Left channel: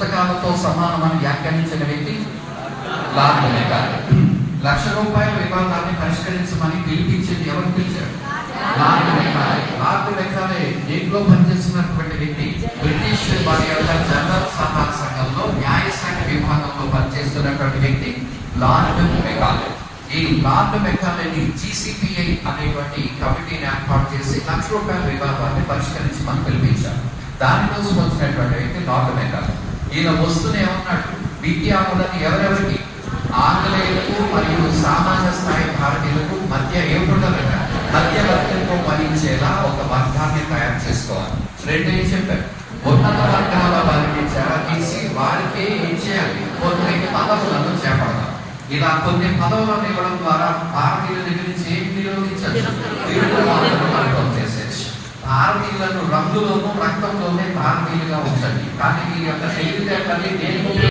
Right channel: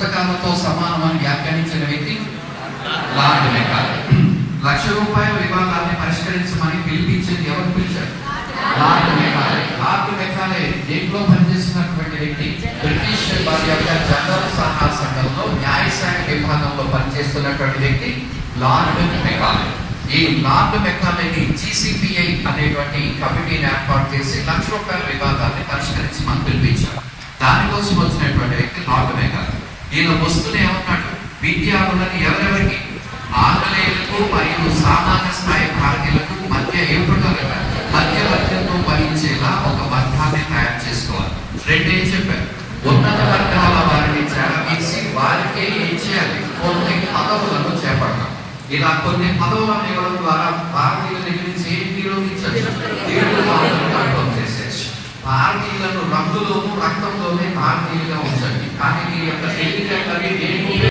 పుస్తకాలతో సమానమని వ్యాఖ్యానించిన వ్యక్తి లార్డ్ మెకాలే. ₹1,00,000 వివాదాన్ని పరిష్కరించమని పిలిపించింది ఎవరు పిలిచారు? Lord Macaulay. లార్డ్ మెకాలే దేంట్లో పనిచేస్తున్నటువంటి వ్యక్తి బ్రిటిష్ వారి యొక్క జనరల్ సలహా సంఘంలో న్యాయశాఖ విభాగంలో పనిచేస్తున్నటువంటి వ్యక్తి లార్డ్ మెకాలే. ఈ లార్డ్ మెకాలేని GCPI అనేటువంటి కమిటీని ఏర్పాటు చేసి ₹1,00,000 వివాదాన్ని పరిష్కరించమని పిలిపించారు. దానికోసం వచ్చినటువంటి వ్యక్తి లార్డ్ మెకాలే. ఈయన వస్తూనే ఉన్నాడు, విద్యార్థులను ఎవరెవరికి, ఆంగ్లేయులకు మరియు సామాన్య స్థాయి భారతీయులకు మధ్య ఏ ప్రకారంగా మధ్యవర్తిత్వం వహించేలా ఒక వర్గాన్ని తయారు చేసుకోవాలి. రెండే చెప్పారు, ఉన్నత వర్గాల వారిని చెరవేసి వారికే ఏం చేయాలి, కొన్ని పదవులను చేపట్టాలి. ఇలా కొన్ని పదవులను ఇవ్వడం ద్వారా భారతీయుల దగ్గర నుంచి ఏం నిరోధించచ్చు, తీర్పువాదం చేసేసి భారతీయులను రంగులోనూ రక్తంలోనే భారతీయులుగా ఉంచండి, కానీ మీ యొక్క తెలివితేటలు